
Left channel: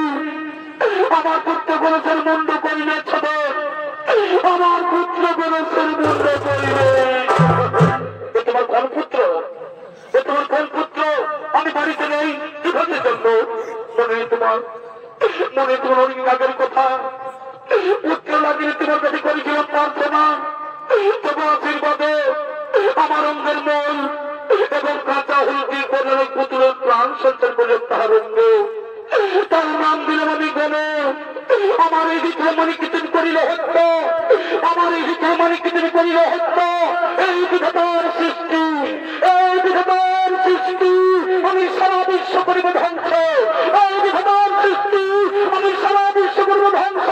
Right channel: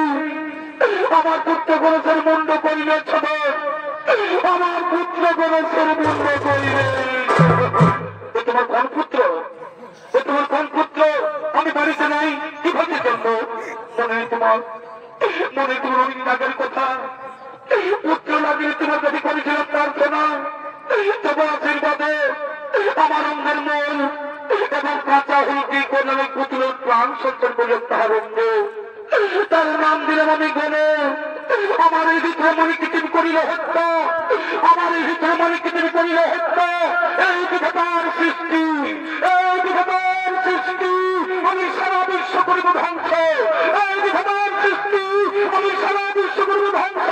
আমার পুত্র গণেশের মুন্ড করিলে ছোট, আমার পুত্র গণেশের মুন্ড করিলে ও তোমার কোন পুত্র? ও তোমার কোন পুত্র? আমি বাড়িতে নেই, কিভাবে জন্য মনে তোমার অনেক আগের কথা। পুত্র লাগিয়ে তোমার কাছে করেছিলাম প্রার্থনা, তবু আশীর্বাদে আমার অঙ্গের মন এবং কাঁচা হুলকি করে ওই পুত্রের প্রাণ সঞ্চয় করে তাহার অঙ্গ, তার নাম দিলাম আমি গণে। আমার এই ভিতরে মনে কীর্তন করিলে হত্য, আমার এই ভিতরে মনে কীর্তন করিলে হত্য। এই বিধাতার সৃষ্টি, এই বিধাতার সৃষ্টি আমি সারা বিশ্ব করিব ধ্বংস। এই বিধাতার সৃষ্টি আমি সারা বিশ্ব করিব ধ্বংস,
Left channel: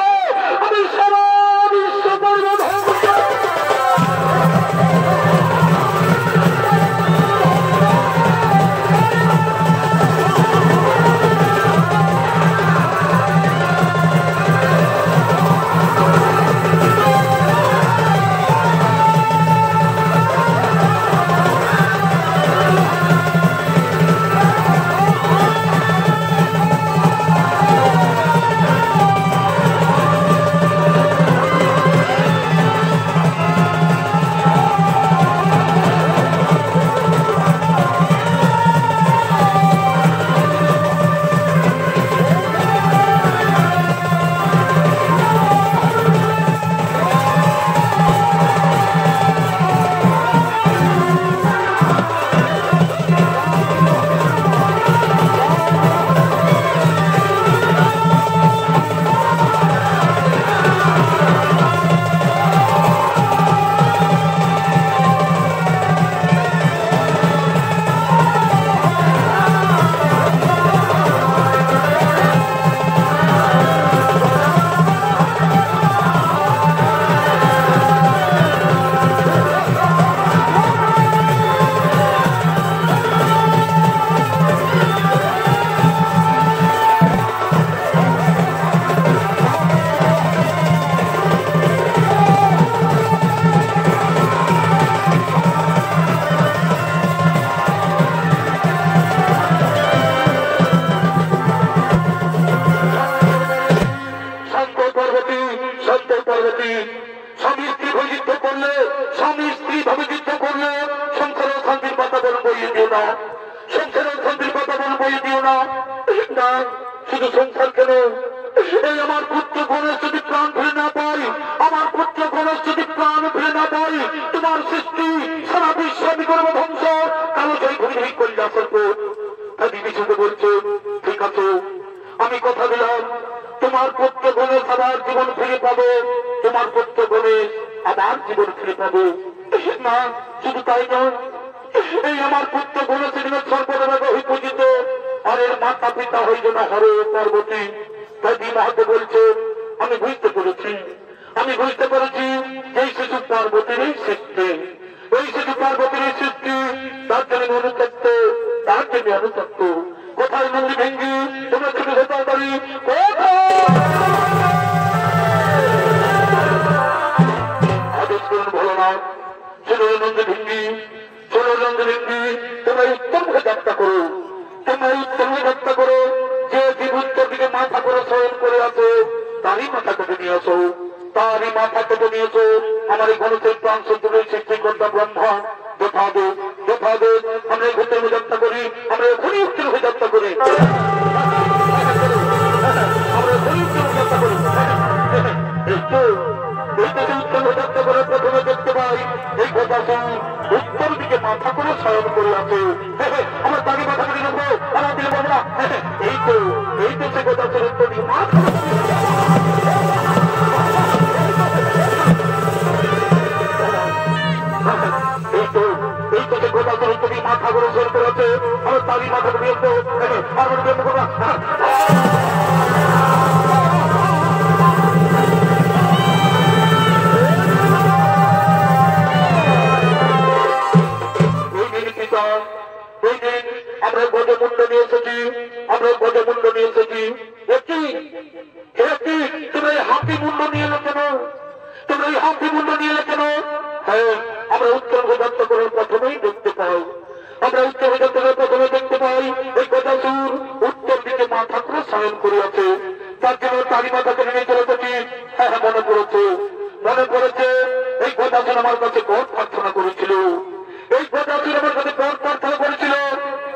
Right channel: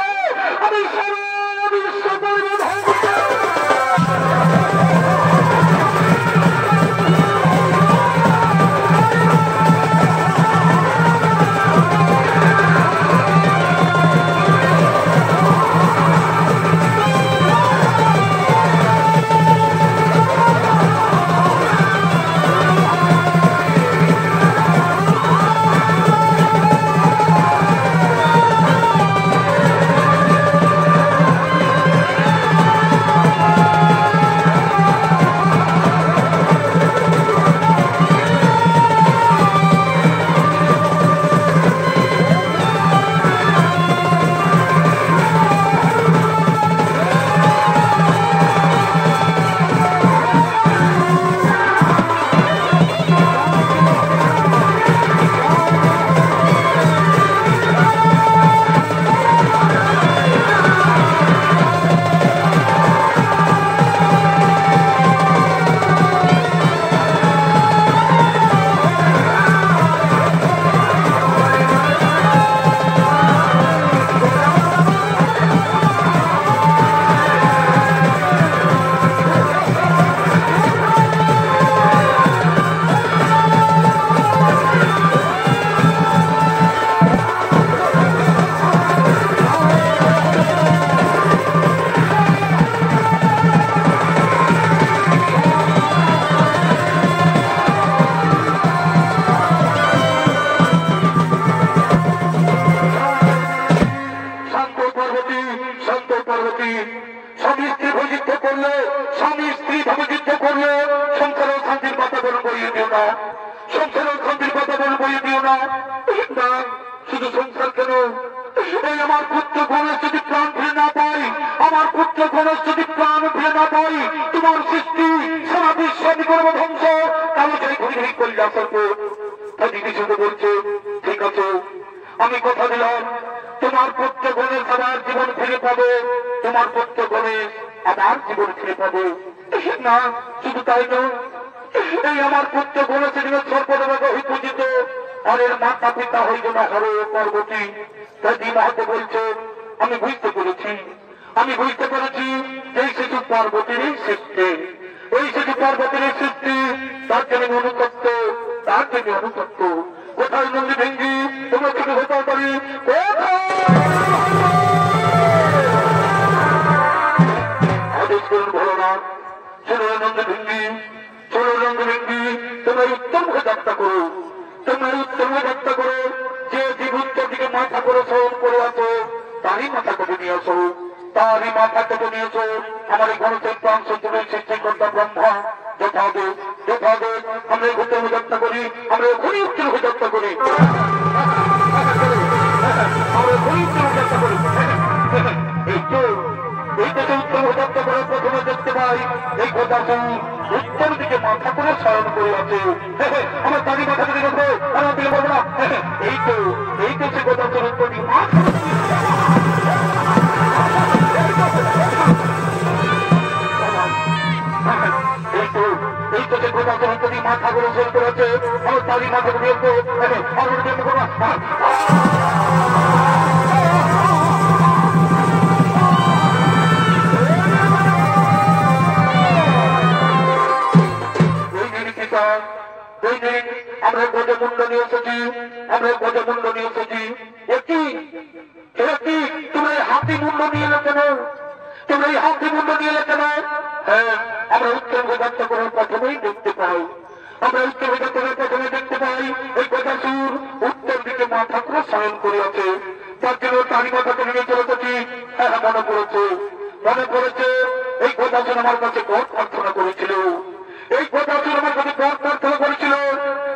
আমি সারা বিশ্ব করিব ধ্বংস। স্বামী স্ত্রী যুদ্ধ করলে, স্বামী স্ত্রী ভাবে যুদ্ধ করলে সংসারের শান্তির বাতাবরণ বইয়ে দিও না, সংসারের শান্তির বাতাবরণ বইয়ে দিও না। শুধু সংসার কেন, এই আমার পুত্র গণেশ যদি প্রাণ ফিরে না পাই, আমার পুত্র গণেশ যদি প্রাণ ফিরে না পাই, তোমার সৃষ্টি সারা বিশ্ব আমি করবো ধ্বংস। কালো সেই ঘুরি ঘুরি করি আসল্প দিদি শুধু বলছে, ঠিক আছে আমি কথা দিলাম, তোমার পুত্র গণেশ আবার জীবন ফিরে পাবে, তোমার পুত্র গণেশ আবার জীবন ফিরে পাবে। না শুধু তাই নয়, এই আমার পুত্র গণেশের সর্বদেবতা হয়ে পূজিত, আর এর মাতা পিতা হইল না হরে পার্বতী। দাদি মাহাতে বলছে, আমি বুঝতে পেরেছি, আমি বুঝতে পেরেছি এই শিশু পার্বতীর সৃষ্টি, এই শিশু পার্বতীর সৃষ্টি, তার জন্য অনুতপ্ত, তার জন্য অনুতপ্ত। কোথায় নন্দী ভেঙ্গি তোমার থেকে হতেও পারি, আদেশ করুন ভোলানাথ, চলো নন্দী ভেঙ্গি, চলো নন্দী ভেঙ্গি, তোমরা উত্তম হয়ে যাত্রা করো, তোমরা উত্তম হয়ে যাত্রা করো। যে জীব উত্তর দিকে মাথা করে শয়ন করে আছো, তারই মাথা কেটে নিয়ে আসো, তারই মাথা কেটে নিয়েছো। আমার এই গণেশের প্রাণ সঞ্চয়ের সৃষ্টিকর্তা ব্রহ্মা যথাদেব, যথাদেব আমরা ঘুরতে হয়ে যাত্রা করি, আমরা এখনই উত্তর হয়ে যাত্রা করি, আমরা এখনই উত্তর হয়ে যাত্রা করি। এই দেশে উত্তর হয়ে যাত্রা করার প্রথমে দেখতে পাই এই কথা উত্তর দিকে মাথা করে শয়ন করে আছে। আমার তাকে মাথা করে রাখবো, আমার দিকে বলবো না। এই তো সে কথা উত্তর দিকে মাথা এই তো সে কথা উত্তর দিকে মাথা করে শয়ন করে আছে। আমার তারই মাথা করে আসবো, আমার করবো। আমরা গজমুন্ড নিয়ে এসেছি, আমরা গজমুন্ড নিয়ে এসেছি। একটি তোমরা এই হাতি মুন্ড নিয়ে এলে কেন, তোমরা এই হাতি মুন্ড নিয়ে এলে কেন? হ্যাঁ, আমরা উত্তর যাত্রা করার প্রথমেই দেখতে পাই আমরা উত্তর দিকে প্রথমে দেখতে পাই এই গজাসুর উত্তর দিকে মা ঠাকুর শয়ন করিয়াছে, তার জন্য তারি মাথা করে নিয়ে চলে গেছি। হ্যাঁ মনে পড়েছে এই গজাসুর আমার কাছে বড় প্রার্থনা করেছিল, এই গজাসুর আমার কাছে বড় প্রার্থনা করেছিল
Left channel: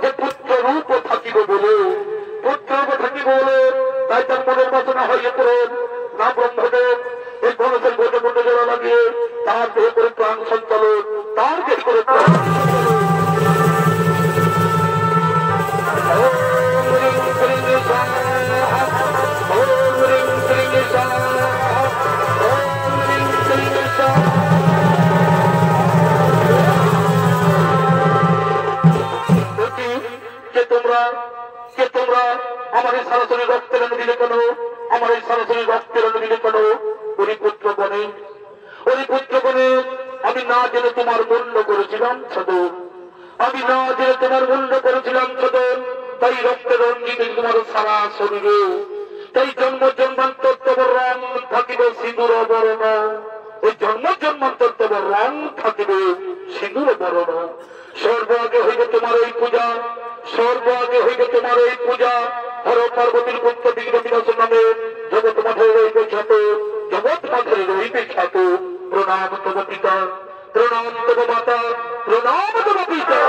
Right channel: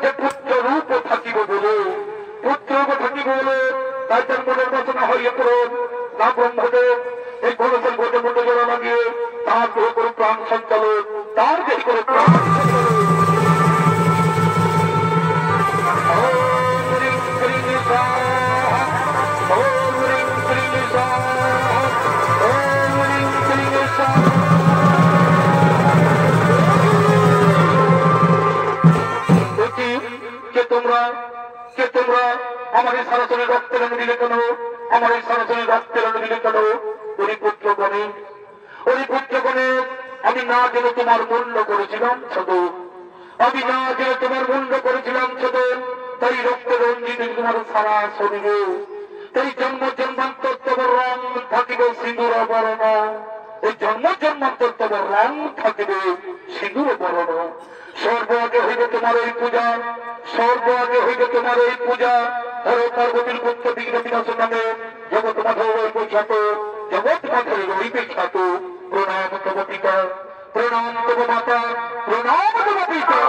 যে পুত্র রূপ থাকিব বলে, পুত্র রূপ থাকিব বলে। তাই তার মনের বাসনা হইয়া পড়েন না ব্রহ্মদেব এই গণেশের গোটে মোটে জোড়া লাগিয়ে তার দেহ করে প্রাণ সঞ্চালন, তার দেহ করে প্রাণ তোমরা আমার এই সরাসরি রক্তের রঙ দিলে কেন, আমার এই সরাসরি রক্তের রঙ দিলে কেন? পুত্রগণে আমি না জেনে তোমার মূল্য করেছিলাম সদর, আমি না জেনে তোমার মূল্য করেছিলাম সদর। তাই রক্তের রঞ্জিত তোমার সারা শরীরে, তাই জন্ম জন্মান্তর তোমার রং থাকিবে সিঁদুর বরণ, এই জন্ম জন্মান্তর তোমার রং থাকিবে সিঁদুর বরণ। সর্ব আগে হইবে তোমার এই পূজা, সর্ব আগে হইবে তোমার এই পূজা। হর পার্বতীর পুত্র বিঘ্ন বিনাশের নামে জগৎ মাঠে রইবে খ্যাত, জগৎ মাঠে রইবে খ্যাত। প্রণাম তব পিতা, প্রণাম তব মাতা, প্রণাম তব পিতা।